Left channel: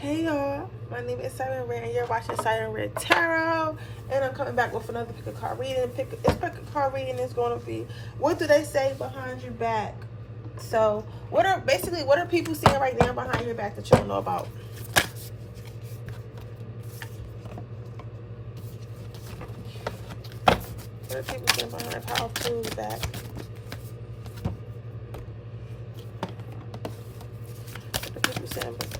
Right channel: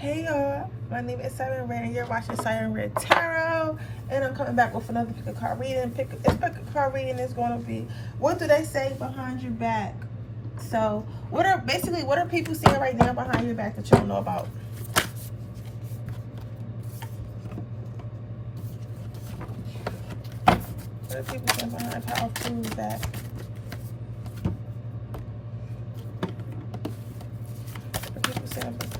Hey y'all, my name is Siren Redd and you're watching Siren Redd Tarot, and I'm coming back with another pick a card reading. Pick a card reading is going to be, what do they say behind your back? So what are people saying right now behind your back that you don't know about? What are people saying behind Powerful's back? What are people saying behind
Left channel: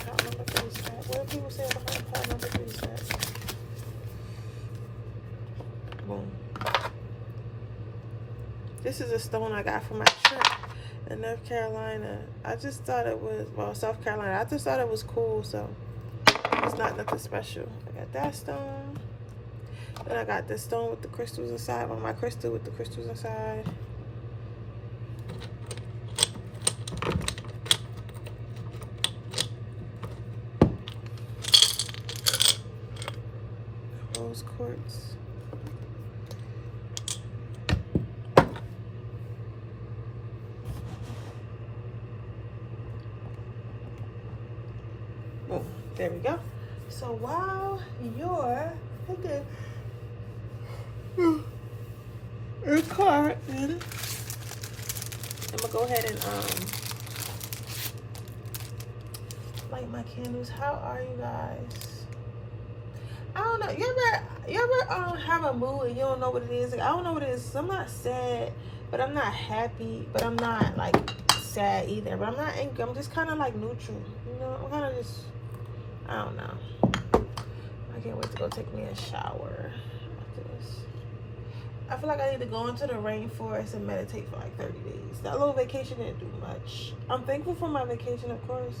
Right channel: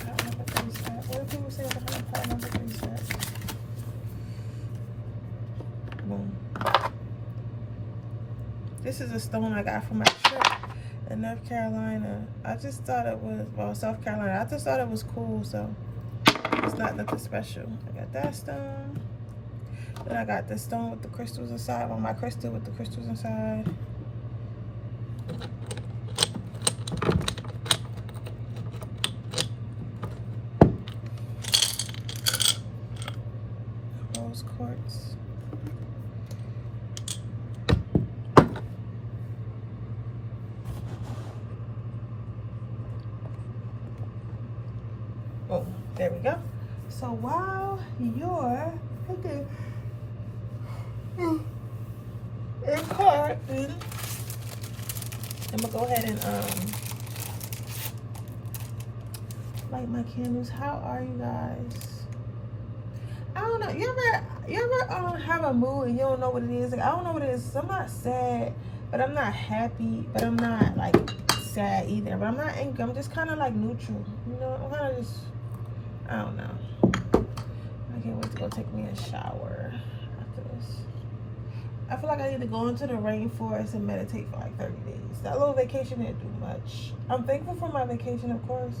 Power Number 3's back? What are people saying behind Power Number 3's back? Boom. This is a stone I got from my trip in North Carolina. I just thought it was, well, South Carolina. I just thought it was cool, so it's not nothing special. I got that stone. Then I got this stone with the crystals inside. Well, my crystal with the crystals inside. Rose quartz. Oh, there we go. So while you're recording, I'm gonna go ahead and light my candles. How are you guys? I don't know. You ever have a mood and you don't know what it is? Like, I don't know what it is. I'm not sad, but I'm not happy, but I'm not like sad either. But I'm not angry. I'm just kind of like neutral. You know, I'm kind of just, I don't know. I can't wait to go take me a shower after this. I feel like I need to go into the rainforest and meditate for like 30 days. That little vacation didn't do much. I'm thankful for my vacation, of course,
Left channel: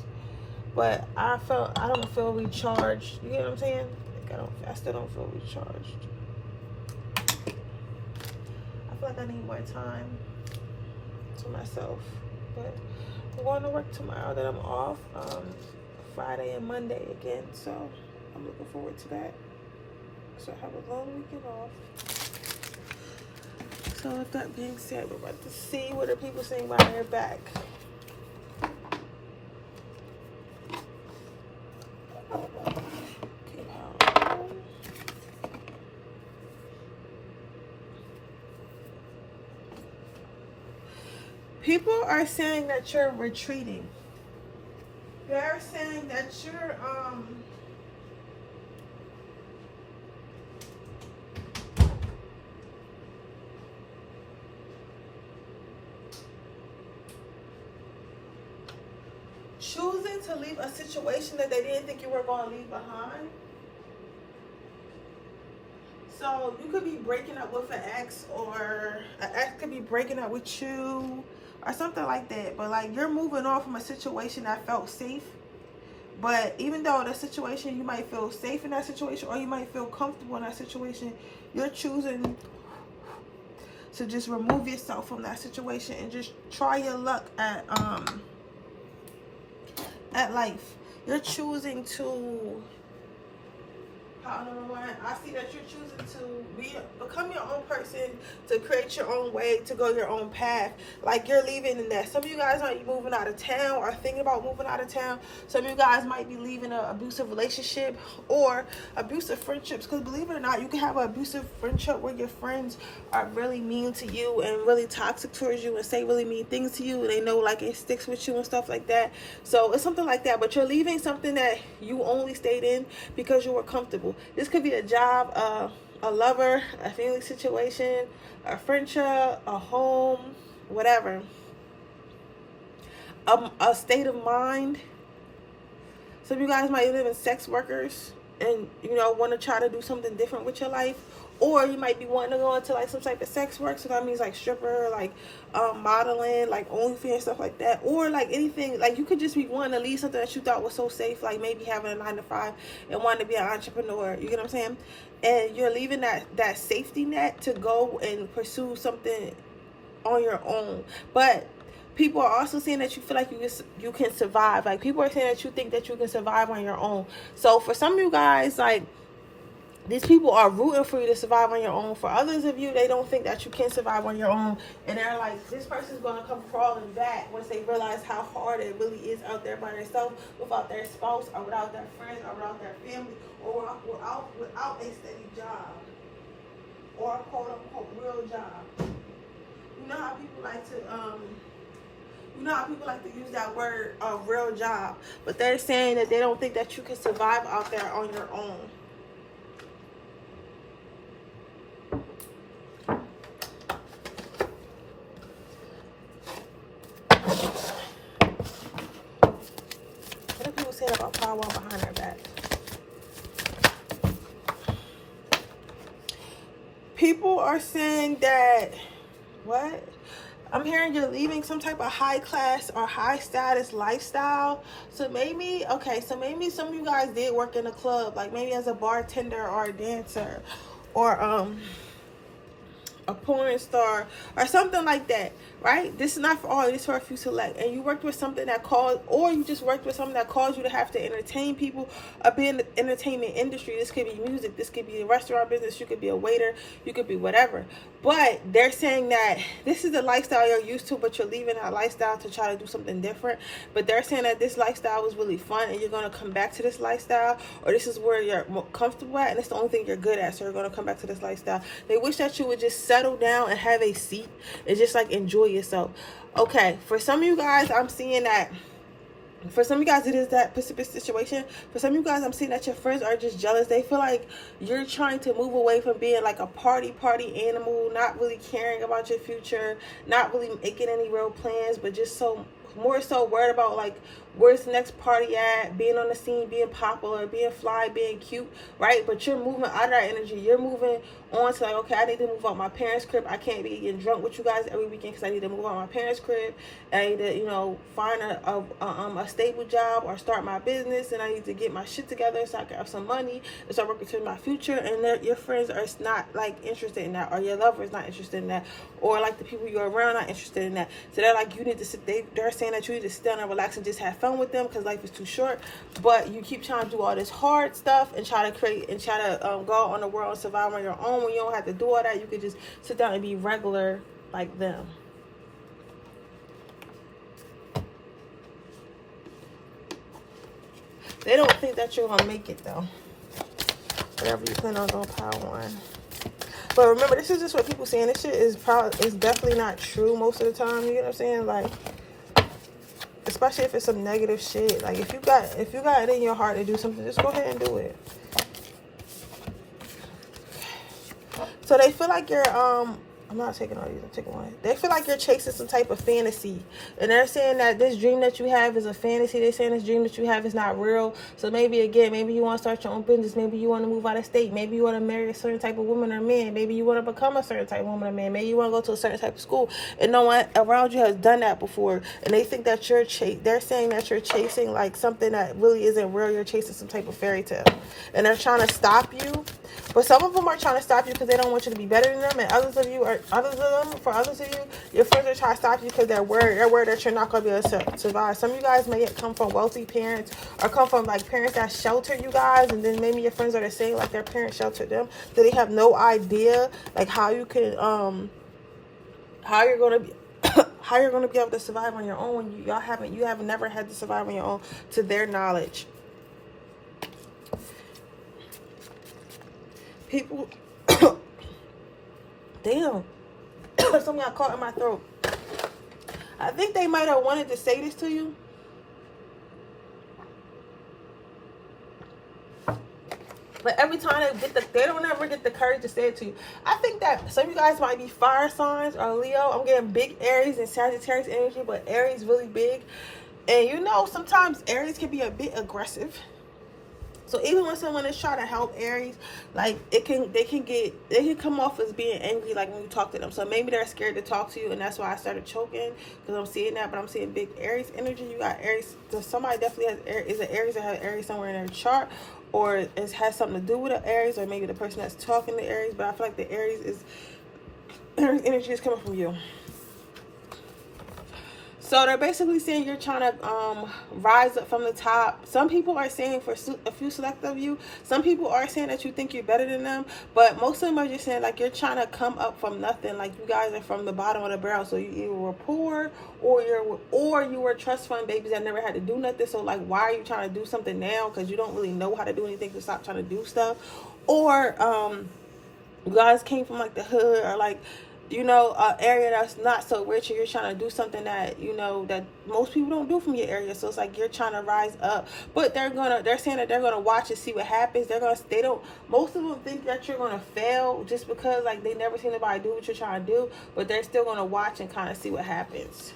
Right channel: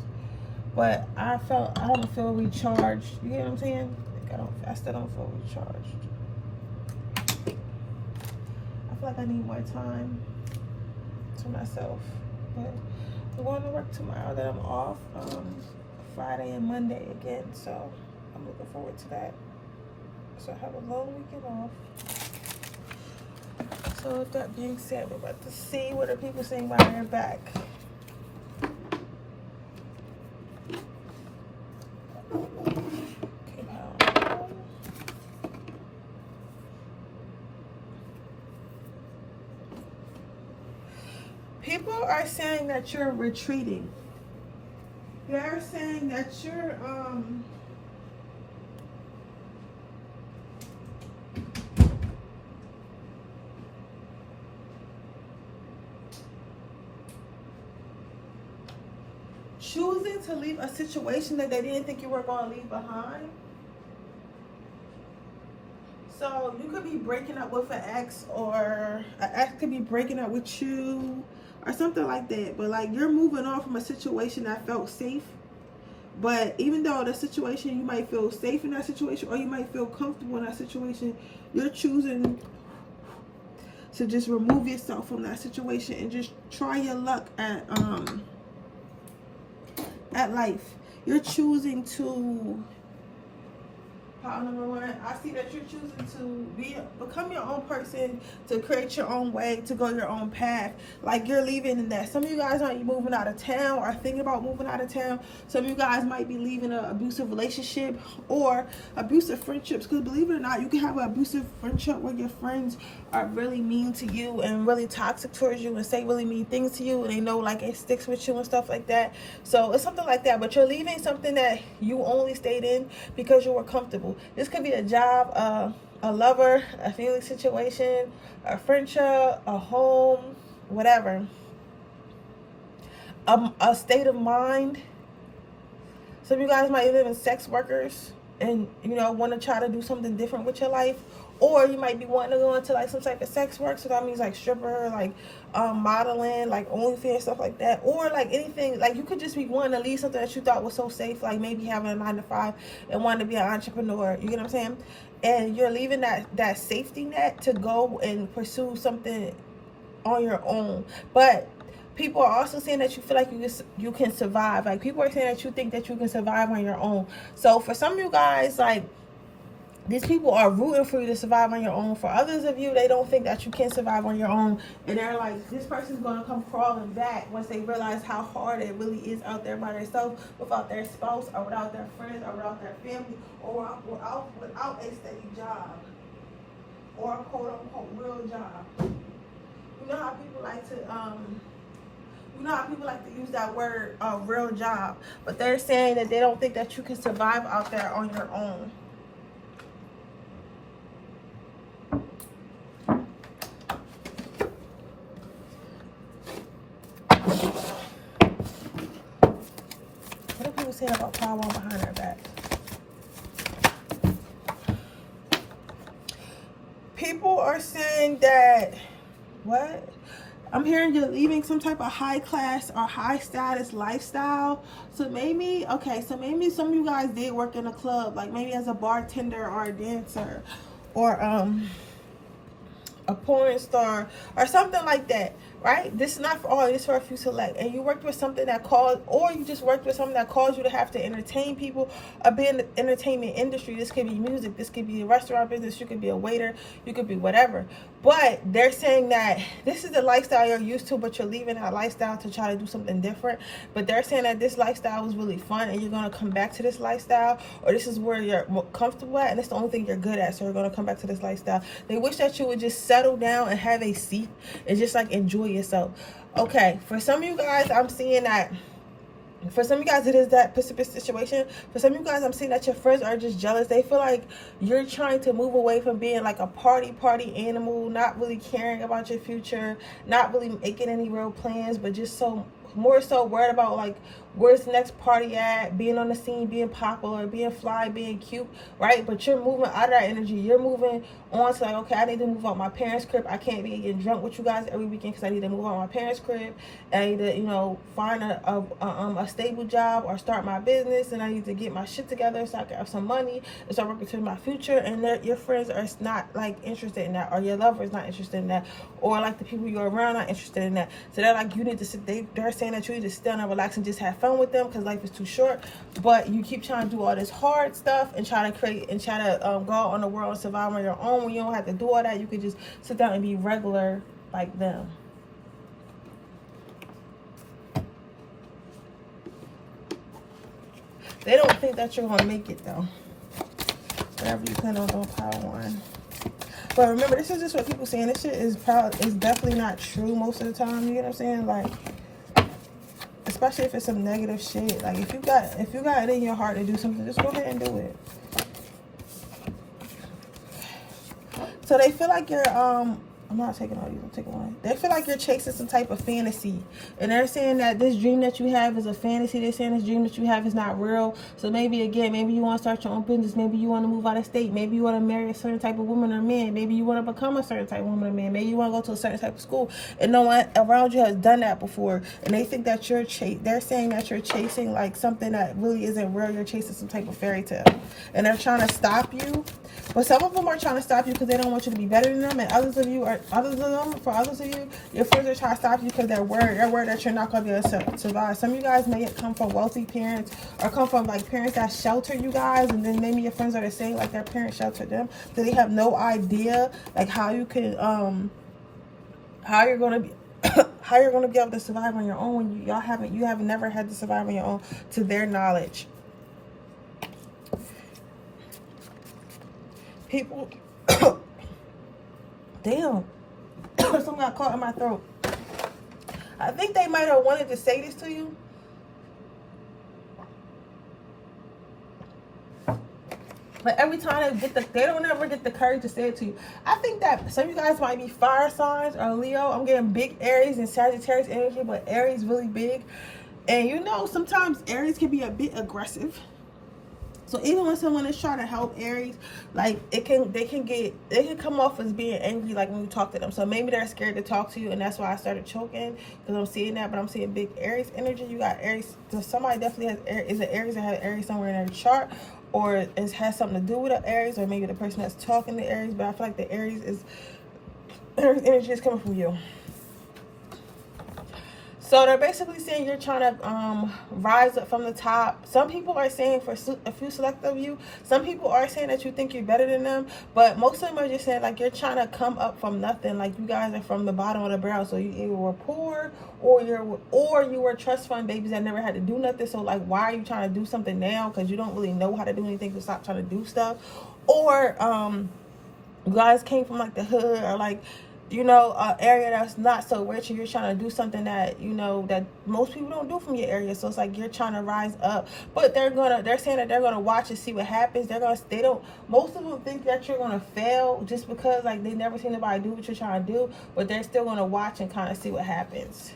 but I don't feel recharged. You know what I'm saying? Like I still don't feel recharged. I feel like I need more time to myself. But I'm going to work tomorrow. Then I'm off Friday and Monday again, so I'm looking forward to that. So I have a long weekend off. So with that being said, we're about to see what are people saying behind their back. People are saying that you're retreating. They're saying that you're choosing to leave a situation that they didn't think you were going to leave behind. So you could be breaking up with an ex, or an ex could be breaking up with you, or something like that. But like, you're moving on from a situation that felt safe. But even though the situation, you might feel safe in that situation, or you might feel comfortable in that situation, you're choosing to just remove yourself from that situation and just try your luck at life. You're choosing to, power number one, I see that you're choosing to become your own person, to create your own way, to go your own path. Like, you're leaving in that. Some of you guys aren't moving out of town or thinking about moving out of town. Some of you guys might be leaving an abusive relationship or abusive friendships. Because believe it or not, you can have an abusive friendship where your friends are really mean to you and really toxic towards you and say really mean things to you. And they know like it sticks with you and stuff like that. So it's something like that. But you're leaving something that you only stayed in because you were comfortable. This could be a job, a lover, a family situation, a friendship, a home, whatever. A state of mind. Some of you guys might live in sex workers and, you know, want to try to do something different with your life. Or you might be wanting to go into like some type of sex work. So that means like stripper, like modeling, like OnlyFans, stuff like that. Or like anything, like you could just be wanting to leave something that you thought was so safe, like maybe having a 9-to-5 and wanting to be an entrepreneur. You get what I'm saying? And you're leaving that safety net to go and pursue something on your own. But people are also saying that you feel like you can survive. Like, people are saying that you think that you can survive on your own. So for some of you guys, like, these people are rooting for you to survive on your own. For others of you, they don't think that you can survive on your own. And they're like, this person's going to come crawling back once they realize how hard it really is out there by themselves, without their spouse, or without their friends, or without their family, or without a steady job, or a quote-unquote real job. You know how people like to, use that word, real job. But they're saying that they don't think that you can survive out there on your own. What are people saying about power behind their back? People are saying that, what? I'm hearing you're leaving some type of high class or high status lifestyle. So maybe, okay, so maybe some of you guys did work in a club, like maybe as a bartender or a dancer, or a porn star or something like that, right? This is not for all, this is for a few select. And you worked with something that caused, or you just worked with something that caused you to have to entertain people or be in the entertainment industry. This could be music, this could be a restaurant business, you could be a waiter, you could be whatever. But they're saying that this is the lifestyle you're used to, but you're leaving that lifestyle to try to do something different. But they're saying that this lifestyle was really fun and you're going to come back to this lifestyle, or this is where you're more comfortable at and it's the only thing you're good at, so you're going to come back to this lifestyle. They wish that you would just settle down and have a seat and just like enjoy yourself. Okay, for some of you guys, I'm seeing that. For some of you guys, it is that specific situation. For some of you guys, I'm seeing that your friends are just jealous. They feel like you're trying to move away from being like a party animal, not really caring about your future, not really making any real plans, but just more so worried about like where's the next party at, being on the scene, being popular, being fly, being cute, right? But you're moving out of that energy. You're moving on to like, okay, I need to move out my parents' crib. I can't be getting drunk with you guys every weekend because I need to move out my parents' crib. And I need to, you know, find a stable job or start my business. And I need to get my shit together so I can have some money and start working towards my future. And your friends are not like interested in that, or your lover is not interested in that, or like the people you're around not interested in that. So they're like, you need to sit. They're saying that you need to sit down and relax and just have fun with them because life is too short. But you keep trying to do all this hard stuff and try to go out on the world and survive on your own. When you don't have to do all that, you can just sit down and be regular like them. They don't think that you're gonna make it though. Whatever you plan on doing, power one. But remember, this is just what people saying. This shit is definitely not true most of the time. You know what I'm saying? Like, especially if it's some negative shit. Like if you got it in your heart to do something, just go ahead and do it. So they feel like you're I'm not taking all these, I'm taking one. They feel like you're chasing some type of fantasy. And they're saying that this dream that you have is a fantasy. They're saying this dream that you have is not real. So maybe, again, maybe you want to start your own business. Maybe you want to move out of state. Maybe you want to marry a certain type of woman or man. Maybe you want to become a certain type of woman or man. Maybe you want to go to a certain type of school. And no one around you has done that before. And they think that they're saying that you're chasing like something that really isn't real. You're chasing some type of fairy tale. And they're trying to stop you. But some of them are trying to stop you because they don't want you to be better than them. And others of you, your friends are trying to stop you because they're worried that you're not going to be able to survive. Some of you guys may come from wealthy parents or come from like parents that shelter you guys. And then maybe your friends are saying like their parents sheltered them. So they have no idea like how you can, how you're going to be. How you're going to be able to survive on your own when you have never had to survive on your own to their knowledge. People, damn, something got caught in my throat. I think they might have wanted to say this to you. But every time they don't ever get the courage to say it to you. I think that some of you guys might be fire signs or Leo. I'm getting big Aries and Sagittarius energy, but Aries really big. And you know, sometimes Aries can be a bit aggressive. So even when someone is trying to help Aries, like they can come off as being angry like when you talk to them. So maybe they're scared to talk to you, and that's why I started choking, because I'm seeing that. But I'm seeing big Aries energy. You got Aries. So somebody definitely has Aries. Is it Aries that has Aries somewhere in their chart, or it has something to do with the Aries, or maybe the person that's talking to Aries. But I feel like the Aries energy is coming from you. So they're basically saying you're trying to rise up from the top. Some people are saying, for a few select of you, some people are saying that you think you're better than them, but most of them are just saying like you're trying to come up from nothing. Like you guys are from the bottom of the barrel. So you either were poor or you were trust fund babies that never had to do nothing. So like, why are you trying to do something now? Because you don't really know how to do anything, to stop trying to do stuff. Or you guys came from like the hood, or like, you know, an area that's not so rich, and you're trying to do something that, you know, that most people don't do from your area. So it's like you're trying to rise up, but they're saying that they're gonna watch and see what happens. Most of them think that you're gonna fail just because like they never seen anybody do what you're trying to do, but they're still gonna watch and kind of see what happens.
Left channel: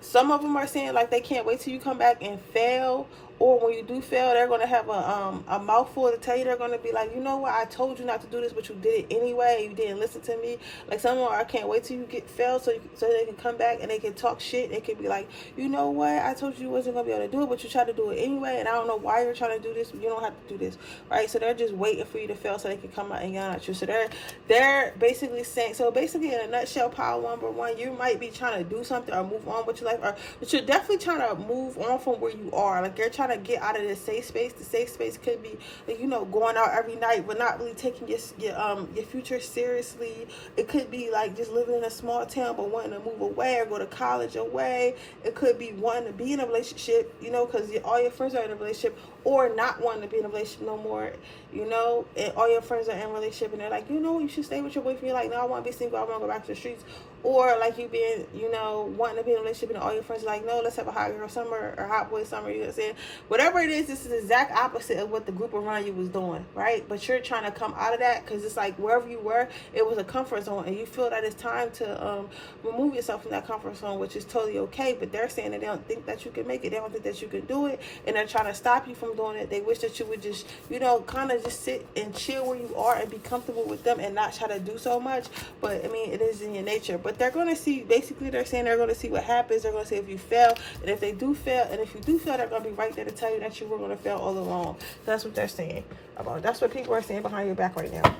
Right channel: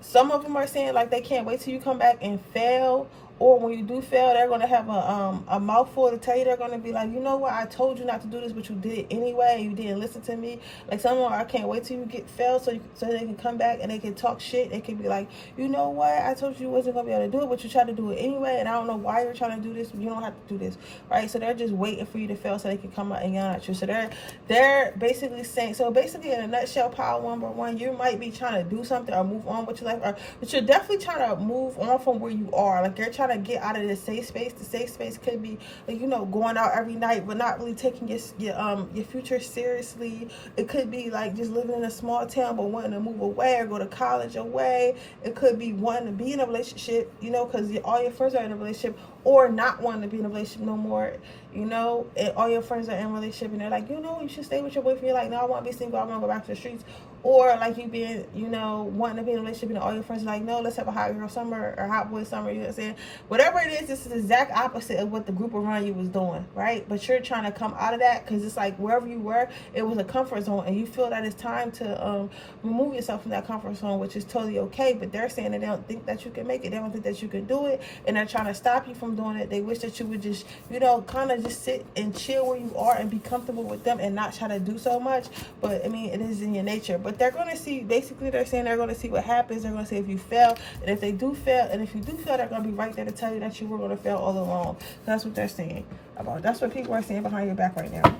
Some of them are saying like they can't wait till you come back and fail, or when you do fail, they're going to have a mouthful to tell you. They're going to be like, you know what, I told you not to do this, but you did it anyway. You didn't listen to me. Like some of them, I can't wait till you get failed so they can come back and they can talk shit. They can be like, you know what, I told you wasn't going to be able to do it, but you tried to do it anyway, and I don't know why you're trying to do this, but you don't have to do this, right? So they're just waiting for you to fail so they can come out and yell at you. So they're basically saying, so basically in a nutshell, power number one, you might be trying to do something or move on with your life, but you're definitely trying to move on from where you are. Like you're trying to get out of this safe space. The safe space could be like, you know, going out every night but not really taking your future seriously. It could be like just living in a small town but wanting to move away or go to college away. It could be wanting to be in a relationship, you know, because all your friends are in a relationship, or not wanting to be in a relationship no more, you know, and all your friends are in a relationship and they're like, you know, you should stay with your boyfriend. You're like, no, I want to be single, I want to go back to the streets. Or like you being, you know, wanting to be in a relationship and all your friends are like, no, let's have a hot girl summer or hot boy summer, you know what I'm saying? Whatever it is, it's the exact opposite of what the group around you was doing, right? But you're trying to come out of that because it's like wherever you were, it was a comfort zone, and you feel that it's time to remove yourself from that comfort zone, which is totally okay. But they're saying that they don't think that you can make it, they don't think that you can do it, and they're trying to stop you from doing it. They wish that you would just, you know, kind of just sit and chill where you are and be comfortable with them and not try to do so much. But I mean, it is in your nature. But they're going to see, basically they're saying they're going to see what happens. They're going to see if you fail, and if they do fail, and if you do fail, they're going to be right there to tell you that you were going to fail all along. That's what they're saying about. That's what people are saying behind your back right now.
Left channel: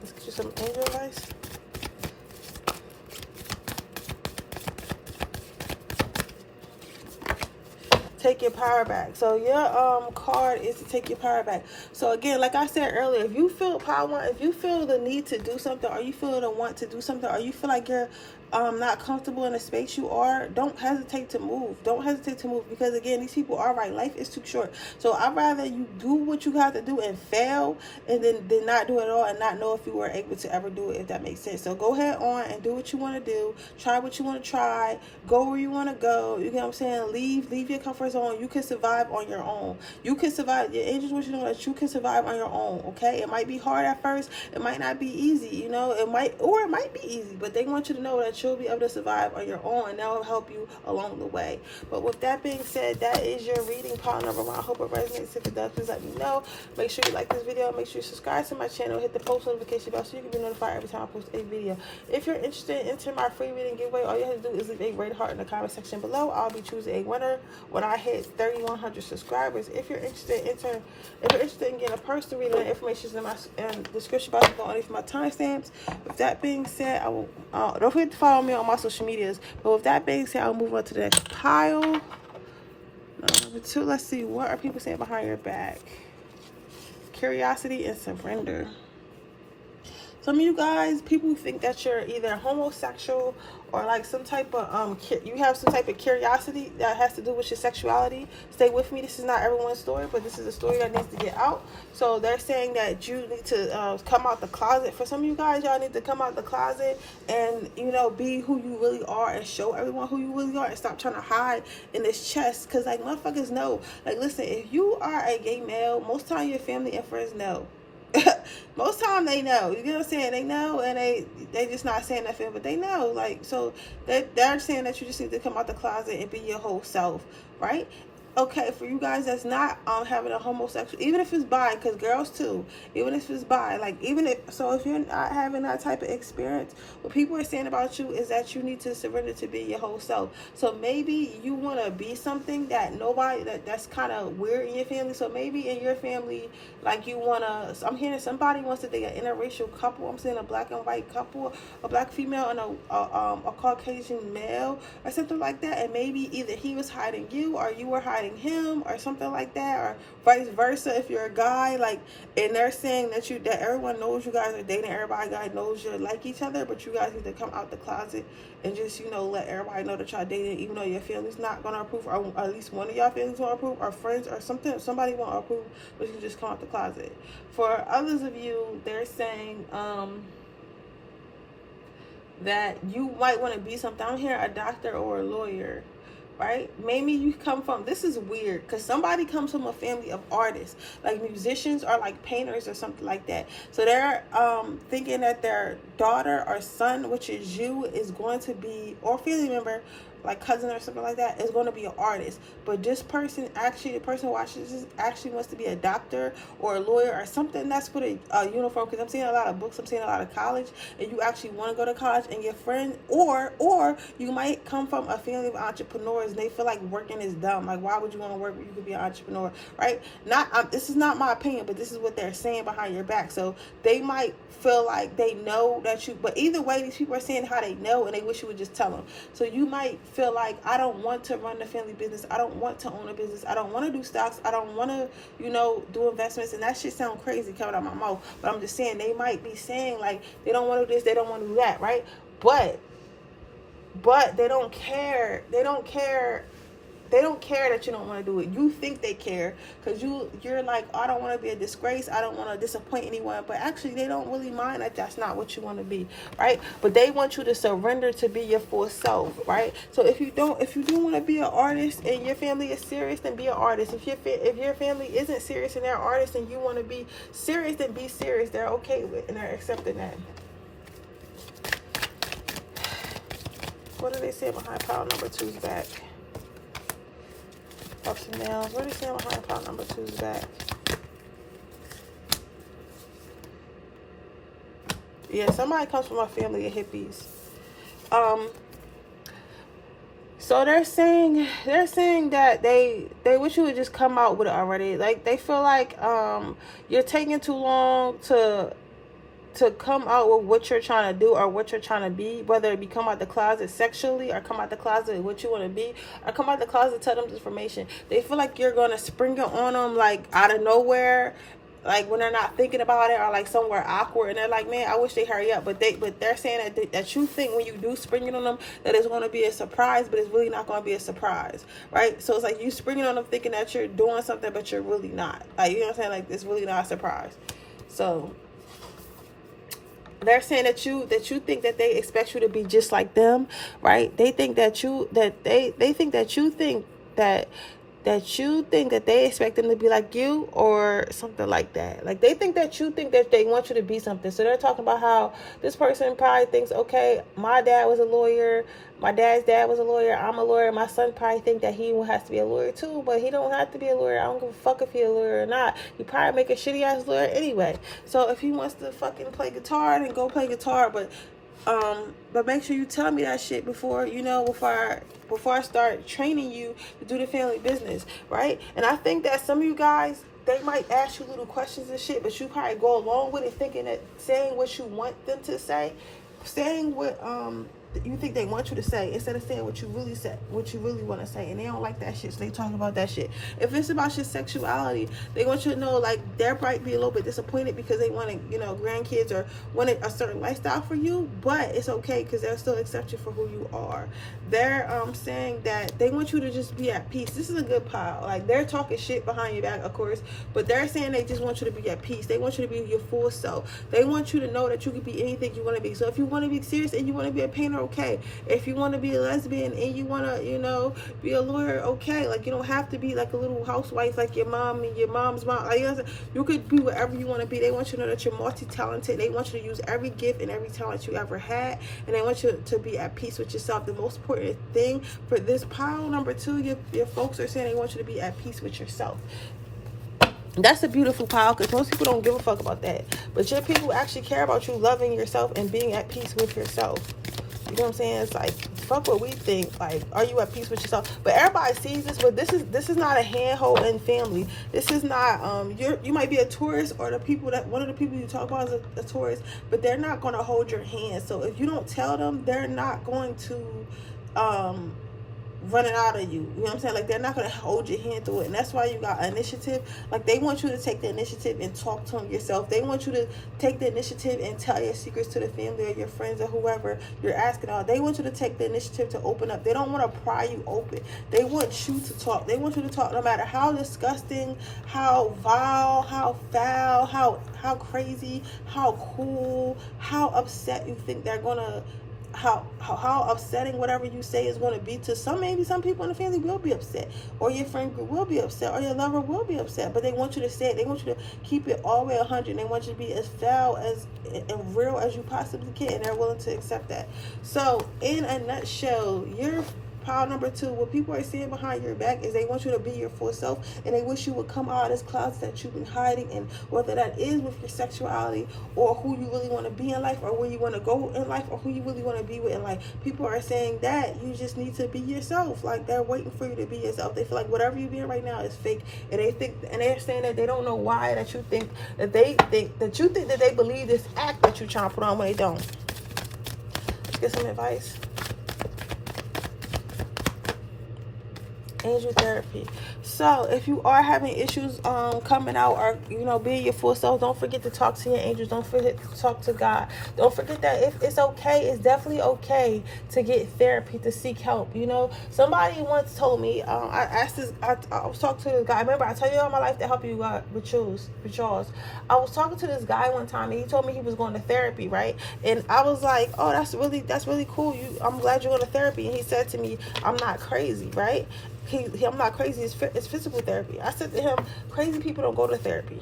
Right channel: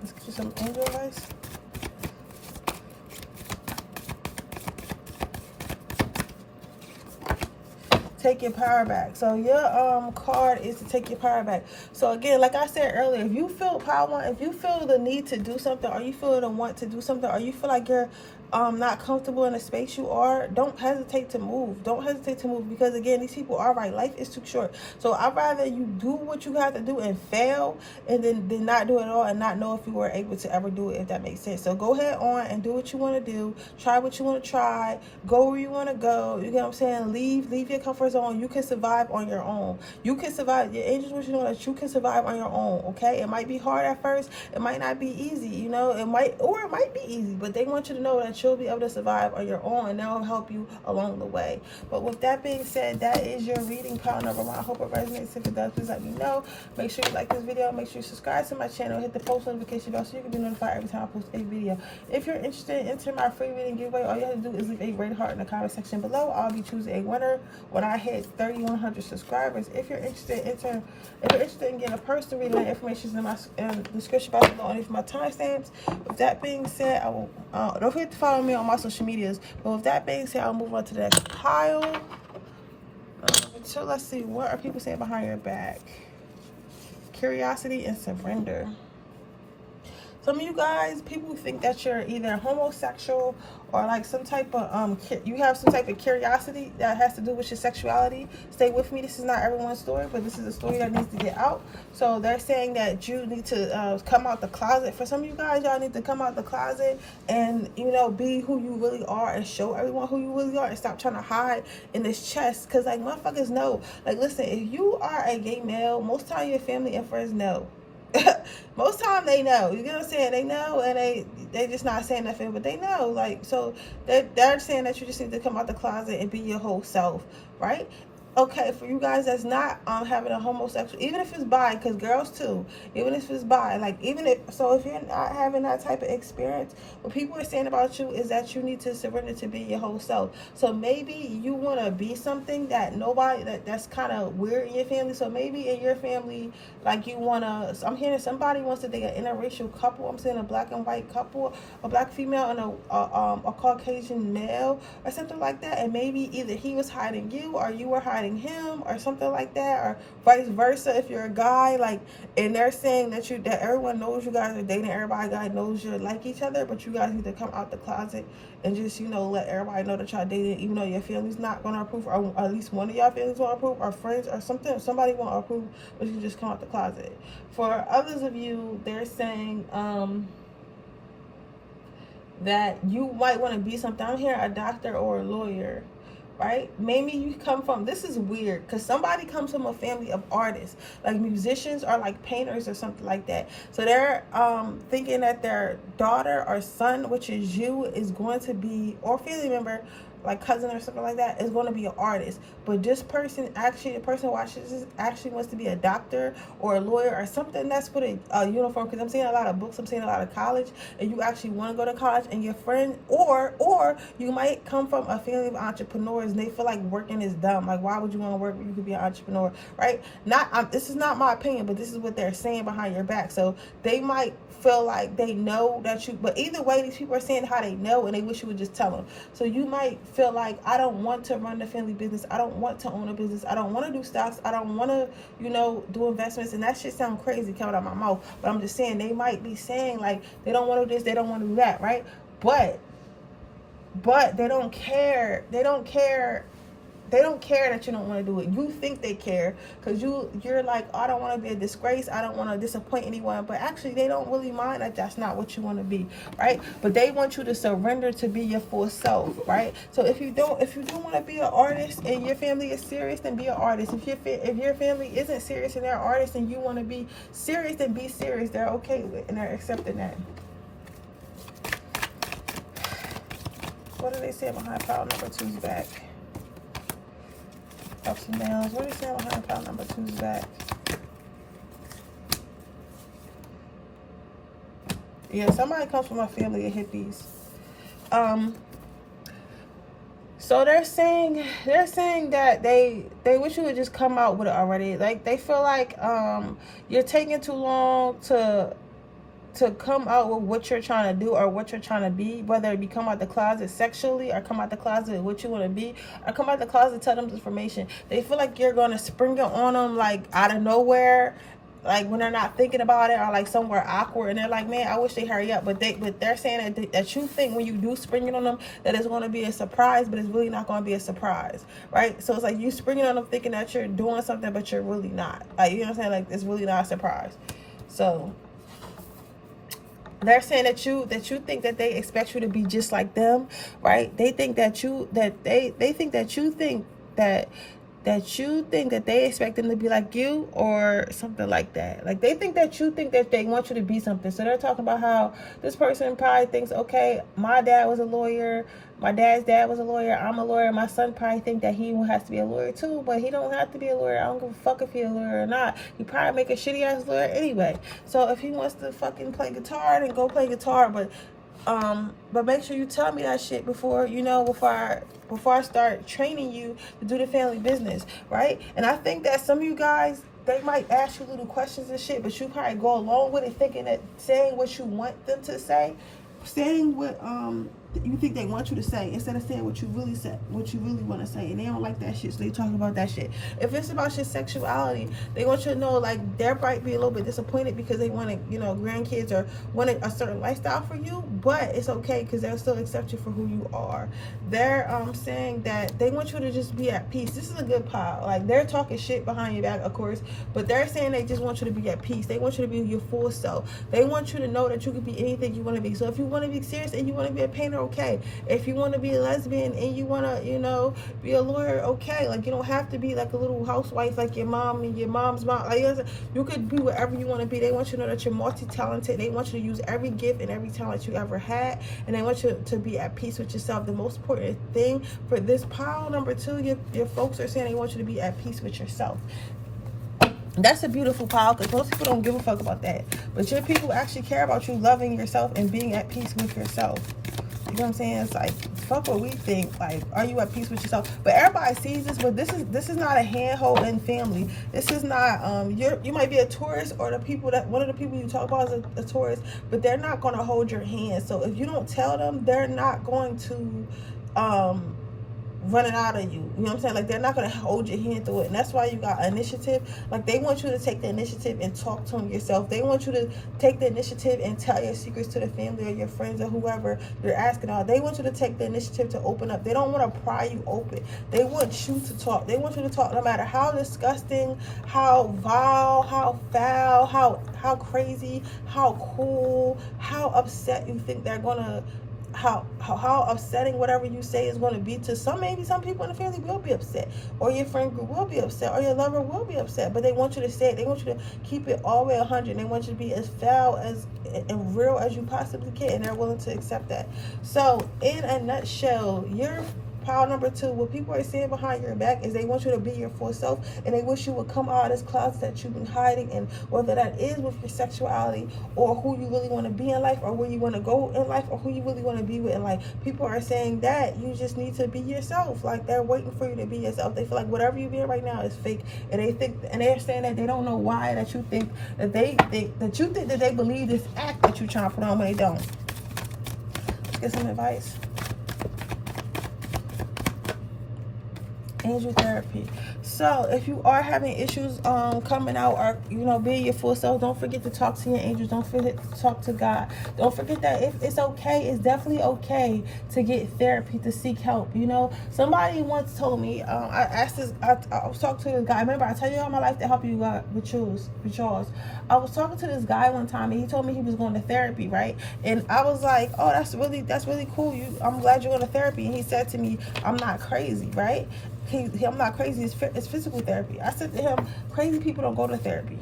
Let's get you some angel advice. Take your power back. So your card is to take your power back. So again, like I said earlier, if you feel power, if you feel the need to do something, or you feel the want to do something, or you feel like you're not comfortable in the space you are, don't hesitate to move. Don't hesitate to move, because again, these people are right. Life is too short. So I'd rather you do what you have to do and fail, and then not do it at all and not know if you were able to ever do it, if that makes sense. So go ahead on and do what you want to do. Try what you want to try. Go where you want to go. You get what I'm saying? Leave your comfort zone. You can survive on your own. You can survive. Your angels want you to know that you can survive on your own. Okay? It might be hard at first. It might not be easy. You know, it might be easy, but they want you to know that you'll be able to survive on your own, and they'll help you along the way. But with that being said, that is your reading, pile number one. I hope it resonates. If it does, please let me know. Make sure you like this video. Make sure you subscribe to my channel. Hit the post notification bell so you can be notified every time I post a video. If you're interested in entering my free reading giveaway, all you have to do is leave a red heart in the comment section below. I'll be choosing a winner when I hit 3,100 subscribers. If you're interested in getting a personal reading, the information is in my description box below underneath my timestamps. With that being said, I will don't forget to follow me on my social medias. But with that being said, I'll move on to the next pile. Let's see, what are people saying behind your back? Curiosity and surrender. Some of you guys, people think that you're either homosexual or like some type of you have some type of curiosity that has to do with your sexuality. Stay with me. This is not everyone's story, but this is a story that needs to get out. So they're saying that you need to come out the closet. For some of you guys, y'all need to come out the closet and, you know, be who you really are and show everyone who you really are, and stop trying to hide in this chest. Because like motherfuckers know, like, listen, if you are a gay male, most time your family and friends know. Most time they know, you know what I'm saying? They know, and they just not saying nothing, but they know. Like, so they're saying that you just need to come out the closet and be your whole self, right? okay, for you guys that's not having a homosexual, even if it's bi, because girls too, even if it's bi, like, even if, so if you're not having that type of experience, what people are saying about you is that you need to surrender to be your whole self. So maybe you want to be something that nobody, that's kind of weird in your family. So maybe in your family, like, you want to, I'm hearing somebody wants to date an interracial couple. I'm saying a black and white couple, a black female and a Caucasian male or something like that. And maybe either he was hiding you or you were hiding him or something like that, or vice versa if you're a guy. Like, and they're saying that that everyone knows you guys are dating, everybody guy knows you like each other, but you guys need to come out the closet and just, you know, let everybody know that y'all dating, even though your family's not gonna approve, or at least one of y'all families won't approve, or friends or something, somebody won't approve, but you can just come out the closet. For others of you, they're saying that you might want to be something. I'm here, a doctor or a lawyer, right? Maybe you come from, this is weird, because somebody comes from a family of artists, like musicians or like painters or something like that. So they're thinking that their daughter or son, which is you, is going to be, or family member, like cousin or something like that, is going to be an artist. But this person, actually, the person who watches this actually wants to be a doctor or a lawyer or something that's with a uniform. Because I'm seeing a lot of books, I'm seeing a lot of college, and you actually want to go to college, and your friend, or you might come from a family of entrepreneurs and they feel like working is dumb. Like, why would you want to work when you could be an entrepreneur, right? Not this is not my opinion, but this is what they're saying behind your back. So they might feel like they know that you, but either way, these people are saying how they know, and they wish you would just tell them. So you might feel like, I don't want to run the family business, I don't want to own a business, I don't want to do stocks, I don't want to, you know, do investments. And that shit sound crazy coming out of my mouth, but I'm just saying, they might be saying like they don't want to do this, they don't want to do that, right? But they don't care. They don't care that you don't want to do it. You think they care because you're like, I don't want to be a disgrace, I don't want to disappoint anyone. But actually, they don't really mind that that's not what you want to be, right? But they want you to surrender to be your full self, right? So if you do want to be an artist and your family is serious, then be an artist. If your family isn't serious and they're artists and you want to be serious, then be serious. They're okay with it and they're accepting that. What do they say behind pile number 2's back? Ups and downs. What do they say behind pile number 2's back? Yeah, somebody comes from a family of hippies. So they're saying that they wish you would just come out with it already. Like, they feel like you're taking too long to come out with what you're trying to do or what you're trying to be, whether it be come out the closet sexually or come out the closet with what you want to be, or come out the closet and tell them this information. They feel like you're going to spring it on them like out of nowhere, like when they're not thinking about it, or like somewhere awkward, and they're like, man, I wish they hurry up. But they're saying that you think when you do spring it on them that it's going to be a surprise, but it's really not going to be a surprise, right? So it's like you spring it on them thinking that you're doing something, but you're really not. Like, you know what I'm saying? Like, it's really not a surprise. So they're saying that you think that they expect you to be just like them, right? They think that they think that they expect them to be like you or something like that. Like, they think that you think that they want you to be something. So they're talking about how this person probably thinks, okay, my dad was a lawyer, my dad's dad was a lawyer, I'm a lawyer, my son probably think that he has to be a lawyer too, but he don't have to be a lawyer. I don't give a fuck if he's a lawyer or not. He probably make a shitty ass lawyer anyway. So if he wants to fucking play guitar, then go play guitar. But make sure you tell me that shit before I start training you to do the family business, right? And I think that some of you guys, they might ask you little questions and shit, but you probably go along with it thinking that saying what you want them to say, saying what you think they want you to say instead of saying what you really want to say. And they don't like that shit, so they talk about that shit. If it's about your sexuality, they want you to know, like, they might be a little bit disappointed because they want to, you know, grandkids or want a certain lifestyle for you, but it's okay because they'll still accept you for who you are. They're saying that they want you to just be at peace. This is a good pile. Like, they're talking shit behind your back, of course, but they're saying they just want you to be at peace. They want you to be your full self. They want you to know that you can be anything you want to be. So if you want to be serious and you want to be a painter okay. If you want to be a lesbian and you want to, you know, be a lawyer, okay. Like, you don't have to be like a little housewife like your mom and your mom's mom. Like, you could be whatever you want to be. They want you to know that you're multi-talented. They want you to use every gift and every talent you ever had, and they want you to be at peace with yourself. The most important thing for this pile number 2, your folks are saying they want you to be at peace with yourself. That's a beautiful pile, because most people don't give a fuck about that. But your people actually care about you loving yourself and being at peace with yourself. You know what I'm saying? It's like, fuck what we think. Like, are you at peace with yourself? But everybody sees this, but this is not a hand-holding family. This is not, you might be a tourist, or the people that, one of the people you talk about is a tourist, but they're not going to hold your hand. So if you don't tell them, they're not going to, running out of you. You know what I'm saying? Like, they're not going to hold your hand through it. And that's why you got initiative. Like, they want you to take the initiative and talk to them yourself. They want you to take the initiative and tell your secrets to the family or your friends or whoever you're asking out. They want you to take the initiative to open up. They don't want to pry you open. They want you to talk. They want you to talk no matter how disgusting, how vile, how foul, how crazy, how cool, how upset you think they're going to, how upsetting whatever you say is going to be to maybe some people in the family will be upset, or your friend group will be upset, or your lover will be upset, but they want you to say it. They want you to keep it all the way 100. They want you to be as foul and real as you possibly can, and they're willing to accept that. So in a nutshell, you're pile number 2, what people are saying behind your back is they want you to be your full self, and they wish you would come out of this closet that you've been hiding in, whether that is with your sexuality, or who you really want to be in life, or where you want to go in life, or who you really want to be with in life. People are saying that you just need to be yourself. Like, they're waiting for you to be yourself. They feel like whatever you're being right now is fake, and they're saying that they don't know why, that you think that they believe this act that you're trying to put on when they don't. Let's get some advice. Angel therapy. So if you are having issues coming out, or you know, being your full self, don't forget to talk to your angels. Don't forget to talk to God. Don't forget that if it's okay, it's definitely okay to get therapy, to seek help. You know, somebody once told me, I was talking to this guy. Remember, I tell you all my life to help you with yours. I was talking to this guy one time, and he told me he was going to therapy, right? And I was like, oh, that's really cool. I'm glad you're going to therapy. And he said to me, I'm not crazy, right? I'm not crazy. It's physical therapy. I said to him, crazy people don't go to therapy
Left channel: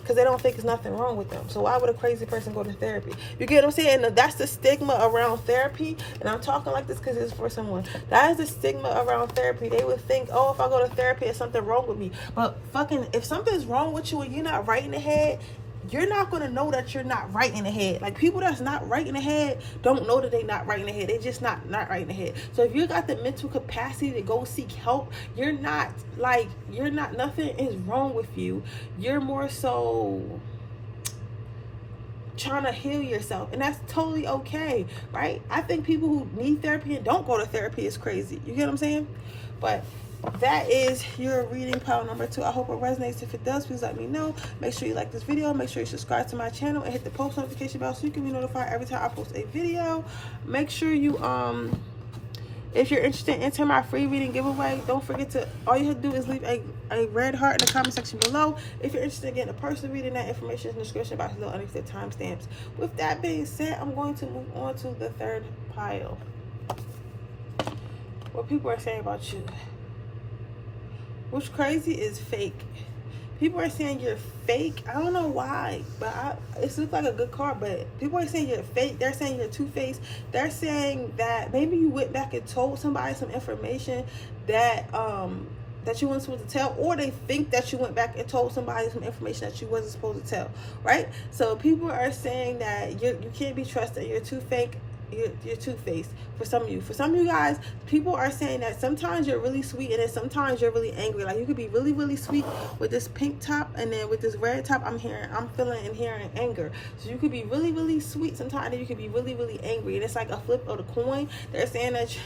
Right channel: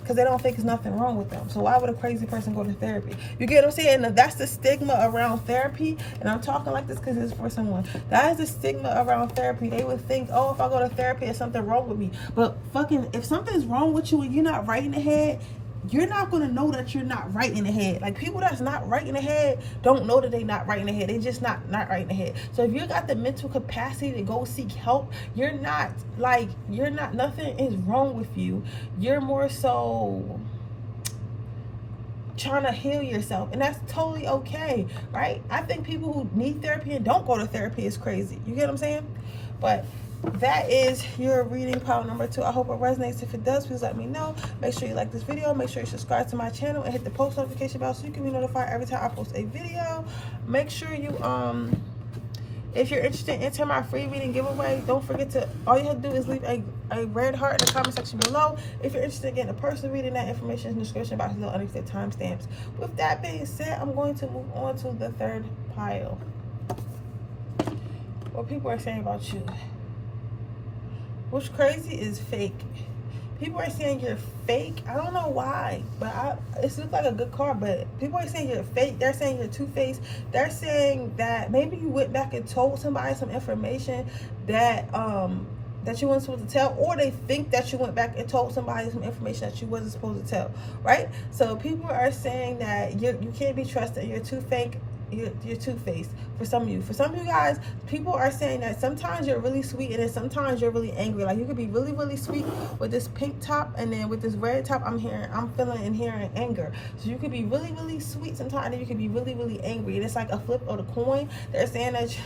because they don't think there's nothing wrong with them. So why would a crazy person go to therapy? You get what I'm saying? And that's the stigma around therapy. And I'm talking like this because it's for someone. That is the stigma around therapy. They would think, oh, if I go to therapy, there's something wrong with me. But fucking, if something's wrong with you and you're not right in the head, you're not going to know that you're not right in the head. Like, people that's not right in the head don't know that they're not right in the head. They just not right in the head. So if you got the mental capacity to go seek help, nothing is wrong with you. You're more so trying to heal yourself, and that's totally okay, right? I think people who need therapy and don't go to therapy is crazy. You get what I'm saying? But that is your reading, pile number 2. I hope it resonates. If it does, please let me know. Make sure you like this video. Make sure you subscribe to my channel and hit the post notification bell so you can be notified every time I post a video. Make sure you if you're interested in entering my free reading giveaway, don't forget to, all you have to do is leave a red heart in the comment section below. If you're interested in getting a personal reading, that information is in the description box below underneath the timestamps. With that being said, I'm going to move on to the 3rd pile. What people are saying about you. What's crazy is fake. People are saying you're fake. I don't know why, but it looks like a good card, but people are saying you're fake. They're saying you're two-faced. They're saying that maybe you went back and told somebody some information that that you weren't supposed to tell, or they think that you went back and told somebody some information that you wasn't supposed to tell, right? So people are saying that you can't be trusted. You're too fake. You're two-faced for some of you. For some of you guys, people are saying that sometimes you're really sweet and then sometimes you're really angry. Like, you could be really, really sweet with this pink top, and then with this red top, I'm feeling and hearing anger. So you could be really, really sweet sometimes, and you could be really, really angry. And it's like a flip of the coin. They're saying that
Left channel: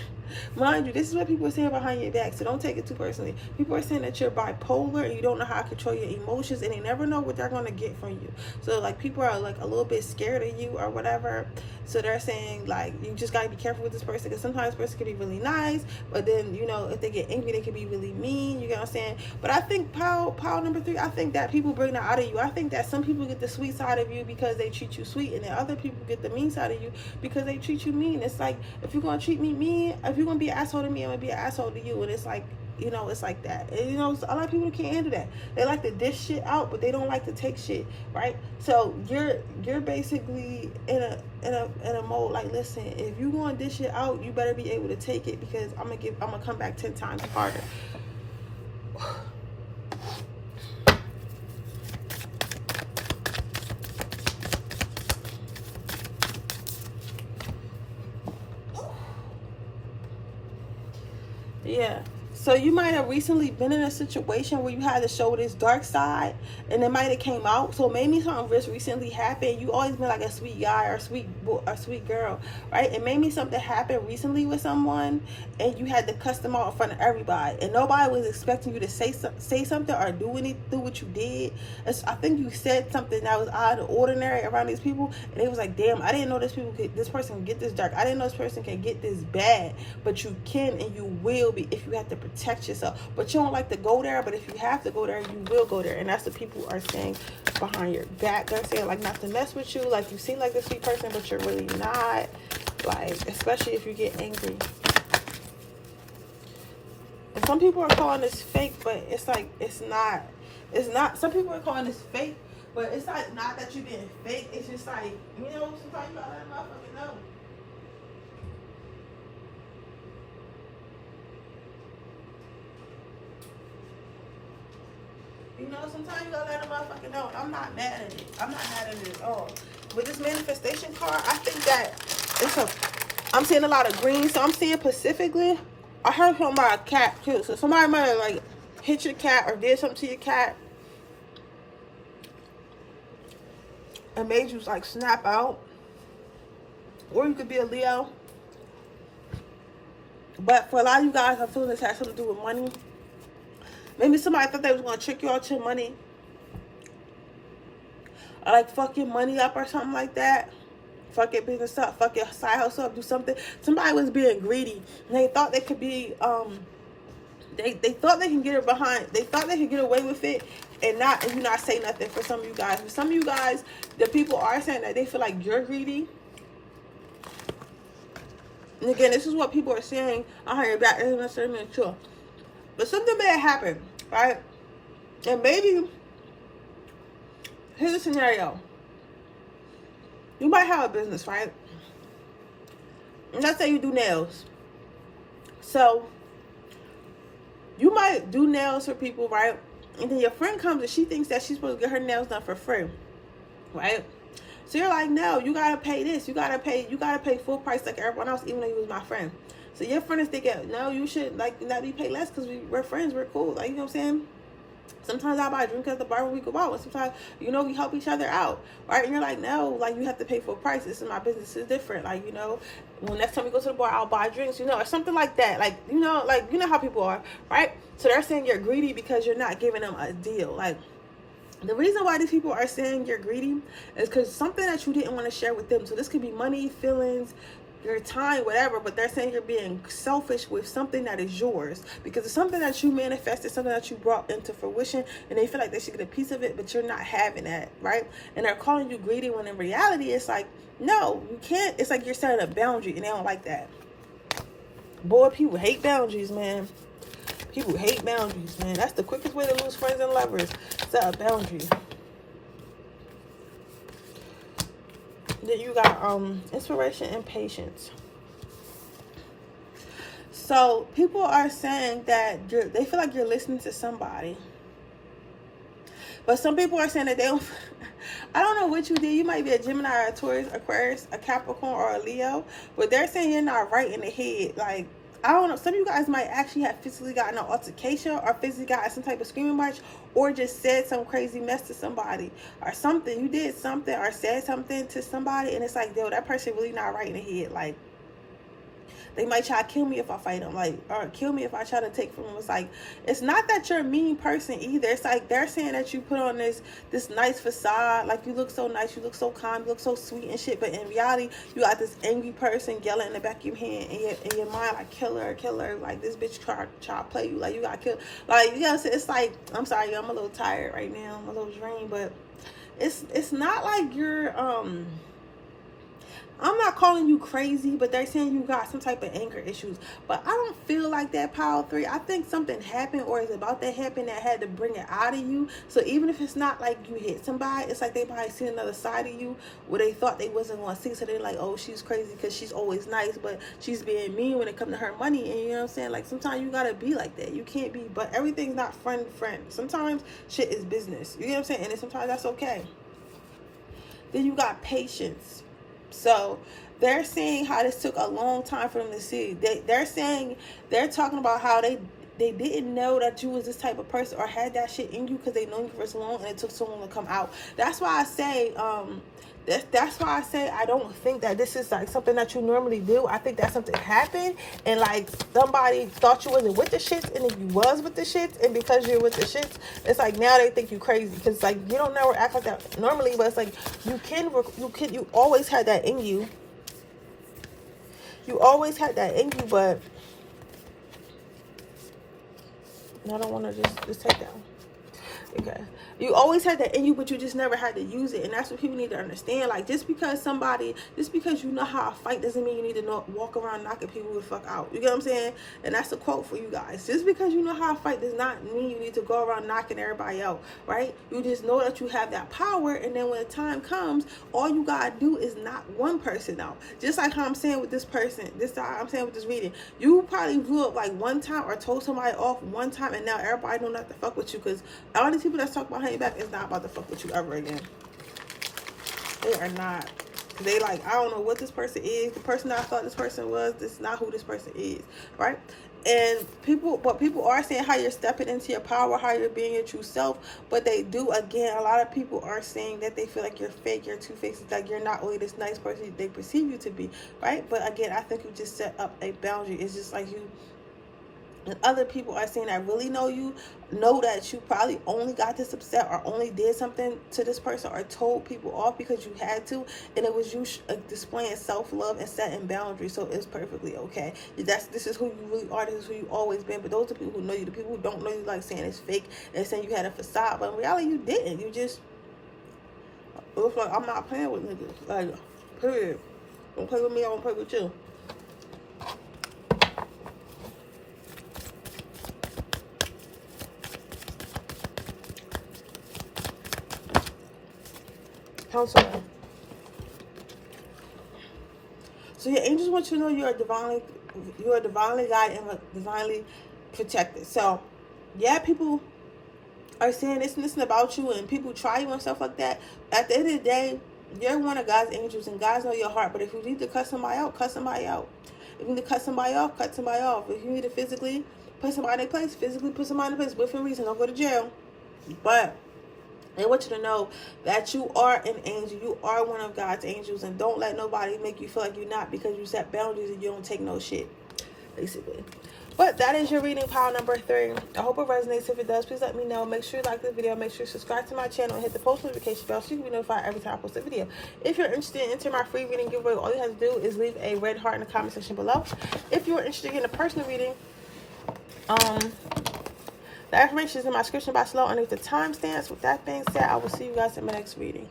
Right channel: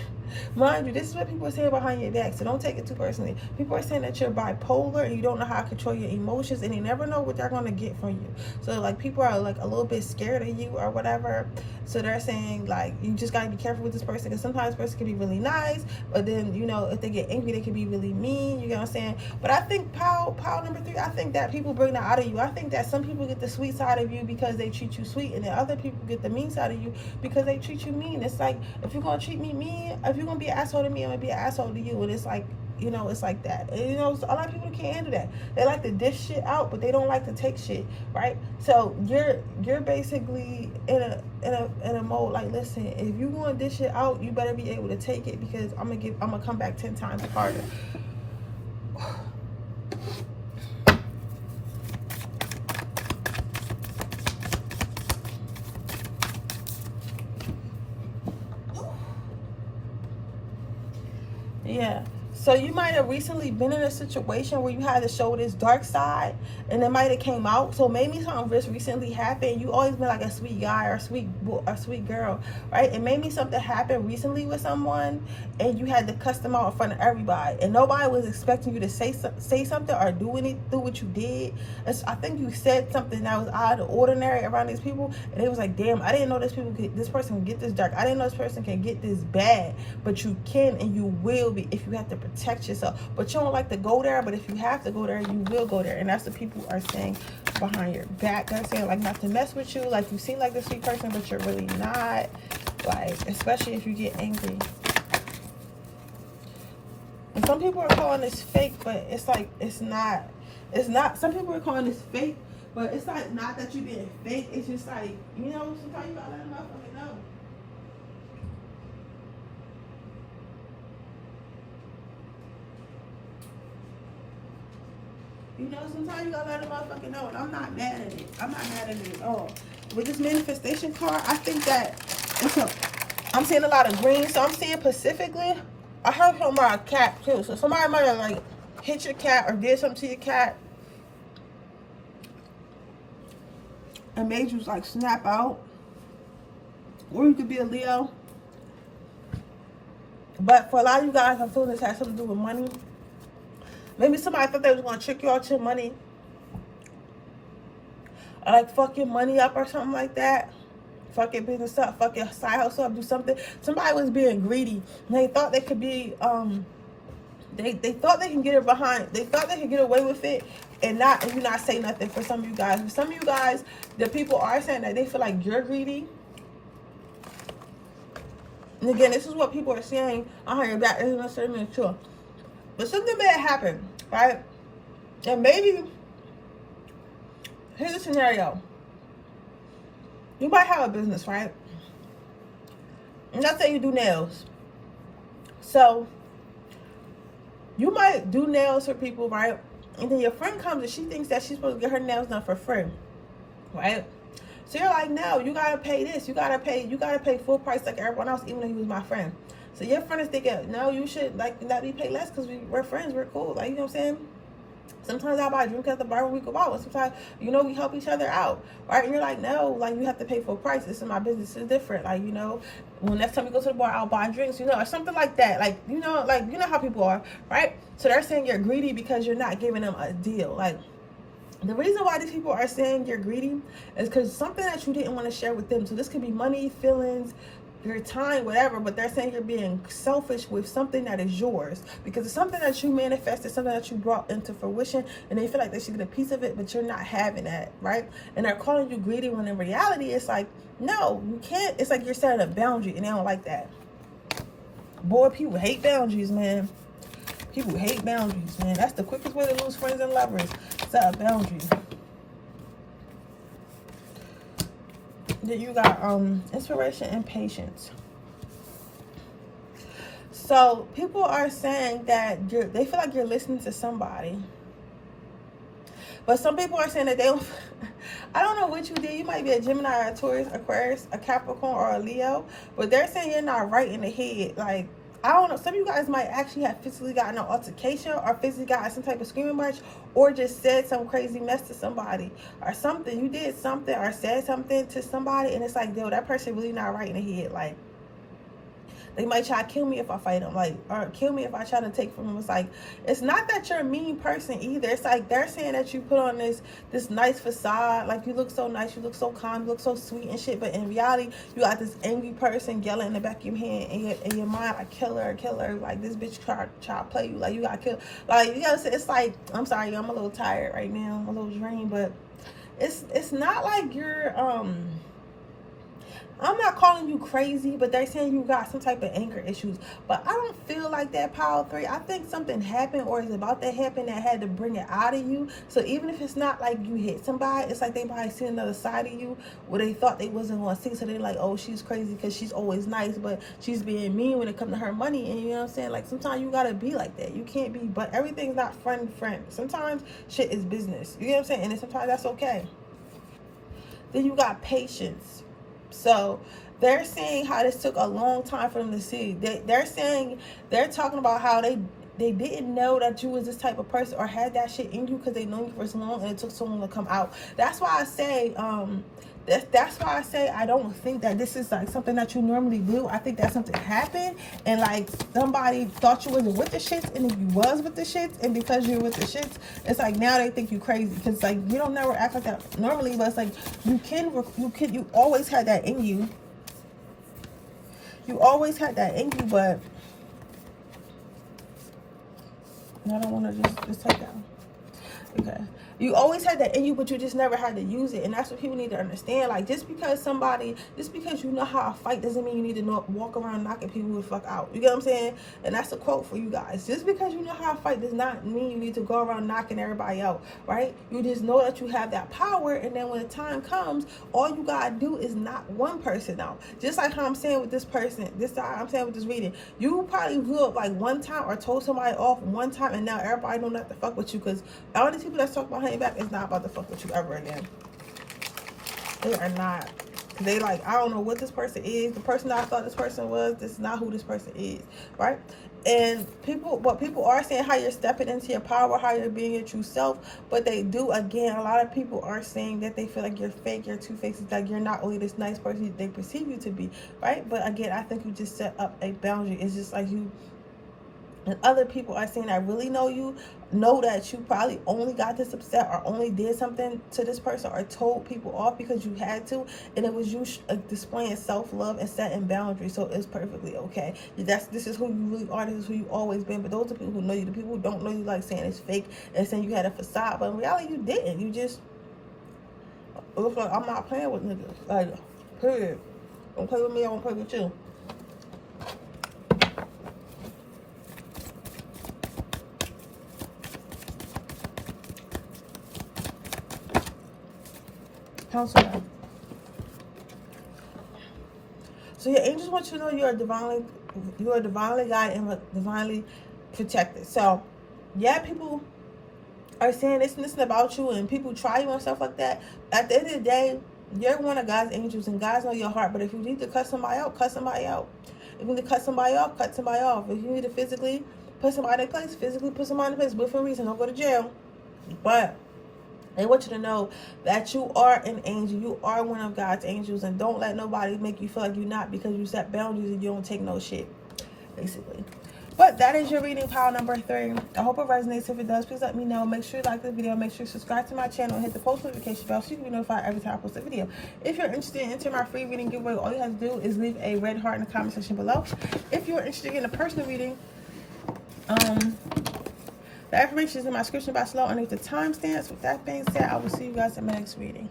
Mind you, this is what people are saying behind your back, so don't take it too personally. People are saying that you're bipolar and you don't know how to control your emotions, and you never know what they're going to get from you. So like people are like a little bit scared of you or whatever, so they're saying like you just got to be careful with this person, because sometimes this person can be really nice, but then, you know, if they get angry they can be really mean. You get what I'm saying? But I think power number 3, I think that people bring that out of you. I think that some people get the sweet side of you because they treat you sweet, and then other people get the mean side of you because they treat you mean. It's like, if you're gonna treat me mean, if you're gonna be an asshole to me, I'm gonna be an asshole to you. And it's like, you know, it's like that. And, you know, a lot of people can't handle that. They like to dish shit out, but they don't like to take shit, right? So you're basically in a mode like, listen, if you're gonna dish it out, you better be able to take it, because I'm gonna come back 10 times harder. Yeah. So you might have recently been in a situation where you had to show this dark side, and it might have came out. So maybe something just recently happened. You always been like a sweet guy or a sweet boy or sweet girl, right? And maybe something happened recently with someone, and you had to cuss them out in front of everybody, and nobody was expecting you to say something or do what you did. I think you said something that was out of the ordinary around these people, and it was like, damn, I didn't know this person can get this dark. I didn't know this person can get this bad, but you can, and you will be if you have to protect yourself. But you don't like to go there, but if you have to go there, you will go there. And that's what people are saying behind your back. They're saying like not to mess with you, like you seem like a sweet person, but you're really not, like, especially if you get angry. And some people are calling this fake, but it's like it's not some people are calling this fake, but it's like not that you being fake. It's just like, you know, sometimes you gotta let a motherfucker know. You know, sometimes you gotta let a motherfucker know, and I'm not mad at it. I'm not mad at it at all. With this manifestation card, I think that I'm seeing a lot of green. So I'm seeing specifically, I heard from my cat too. So somebody might have like hit your cat or did something to your cat and made you like snap out. Or you could be a Leo. But for a lot of you guys, I feel this has something to do with money. Maybe somebody thought they was going to trick you out your money. Or like fuck your money up or something like that. Fuck your business up. Fuck your side hustle up. Do something. Somebody was being greedy. And they thought they could be, they thought they can get it behind. They thought they could get away with it and you not say nothing for some of you guys. For some of you guys, the people are saying that they feel like you're greedy. And again, this is what people are saying behind your back. It's not necessarily true. But something may happen, right? And maybe, here's a scenario. You might have a business, right? And let's say you do nails. So, you might do nails for people, right? And then your friend comes and she thinks that she's supposed to get her nails done for free, right? So you're like, no, you gotta pay this. You gotta pay full price like everyone else, even though he was my friend. So your friend is thinking, no, you should like let me pay less because we're friends, we're cool. Like, you know what I'm saying? Sometimes I buy a drink at the bar when we go out. And sometimes, you know, we help each other out, right? And you're like, no, like you have to pay full price. This is my business is different. Like, you know, when next time we go to the bar, I'll buy drinks, you know, or something like that. Like, you know how people are, right? So they're saying you're greedy because you're not giving them a deal. Like, the reason why these people are saying you're greedy is because something that you didn't want to share with them. So this could be money, feelings, your time, whatever, but they're saying you're being selfish with something that is yours because it's something that you manifested, something that you brought into fruition, and they feel like they should get a piece of it, but you're not having that, right? And they're calling you greedy when in reality it's like, no, you can't. It's like you're setting a boundary, and they don't like that. Boy, people hate boundaries, man. People hate boundaries, man. That's the quickest way to lose friends and lovers. Set a boundary. Then you got inspiration and patience. So people are saying that they feel like you're listening to somebody, but some people are saying that they don't. I don't know what you did. You might be a Gemini, a Taurus, Aquarius, a Capricorn, or a Leo, but they're saying you're not right in the head. Like, I don't know. Some of you guys might actually have physically gotten an altercation or physically gotten some type of screaming match or just said some crazy mess to somebody or something. You did something or said something to somebody and it's like, yo, that person really not right in the head. Like, They might try to kill me if I fight them, like, or kill me if I try to take from them. It's like, it's not that you're a mean person either. It's like they're saying that you put on this nice facade, like you look so nice, you look so calm, you look so sweet and shit, but in reality, you got this angry person yelling in the back of your head, in your mind, like, kill her, like, this bitch try to play you, like, you got killed, like, you know, it's like, I'm sorry, I'm a little tired right now, I'm a little drained, but it's not like you're, I'm not calling you crazy, but they're saying you got some type of anger issues. But I don't feel like that, Power 3. I think something happened or is about to happen that had to bring it out of you. So even if it's not like you hit somebody, it's like they might see another side of you where they thought they wasn't going to see. So they're like, oh, she's crazy because she's always nice, but she's being mean when it comes to her money. And you know what I'm saying? Like, sometimes you got to be like that. You can't be, but everything's not friend. Sometimes shit is business. You know what I'm saying? And then sometimes that's okay. Then you got patience. So they're saying how this took a long time for them to see. They're talking about how they didn't know that you was this type of person or had that shit in you because they know you for so long and it took so long to come out. That's why I say that's why I say I don't think that this is like something that you normally do. I think that something happened and like somebody thought you wasn't with the shits and then you was with the shits, and because you're with the shits, it's like now they think you crazy because like you don't never act like that normally, but it's like you always had that in you. You always had that in you, but I don't want to just take down. Okay. You always had that in you, but you just never had to use it. And that's what people need to understand. Like, just because you know how to fight doesn't mean you need to walk around knocking people the fuck out. You get what I'm saying? And that's a quote for you guys. Just because you know how to fight does not mean you need to go around knocking everybody out, right? You just know that you have that power, and then when the time comes, all you gotta do is knock one person out. Just like how I'm saying with this person, I'm saying with this reading. You probably blew up like one time or told somebody off one time, and now everybody know not to fuck with you because all these people that's talking behind your back is not about to fuck with you ever again. They are not. They like, I don't know what this person is. The person I thought this person was, this is not who this person is, right? And people are saying how you're stepping into your power, how you're being your true self, but they do, again, a lot of people are saying that they feel like you're fake, you're two-faced, like you're not really this nice person they perceive you to be, right? But again, I think you just set up a boundary. It's just like you, and other people are saying that really know you, know that you probably only got this upset or only did something to this person or told people off because you had to, and it was you displaying self-love and setting boundaries. So it's perfectly okay. This is who you really are. This is who you always been. But those are people who know you. The people who don't know you, like saying it's fake and saying you had a facade, but in reality you didn't. You just, it was like, I'm not playing with niggas. Like, period. Don't play with me, I won't play with you. Counselor. So your angels want you to know you're divinely guided and divinely protected. So yeah, people are saying this and this about you, and people try you and stuff like that. At the end of the day, you're one of God's angels, and God knows your heart. But if you need to cut somebody out, cut somebody out. If you need to cut somebody off, cut somebody off. If you need to physically put somebody in place, physically put somebody in place. But for a reason, don't go to jail. But they want you to know that you are an angel. You are one of God's angels. And don't let nobody make you feel like you're not, because you set boundaries and you don't take no shit, basically. But that is your reading, pile number 3. I hope it resonates. If it does, please let me know. Make sure you like the video. Make sure you subscribe to my channel and hit the post notification bell so you can be notified every time I post a video. If you're interested in entering my free reading giveaway, all you have to do is leave a red heart in the comment section below. If you're interested in a personal reading, the information is in my description box below underneath the timestamps. With that being said, I will see you guys in my next reading.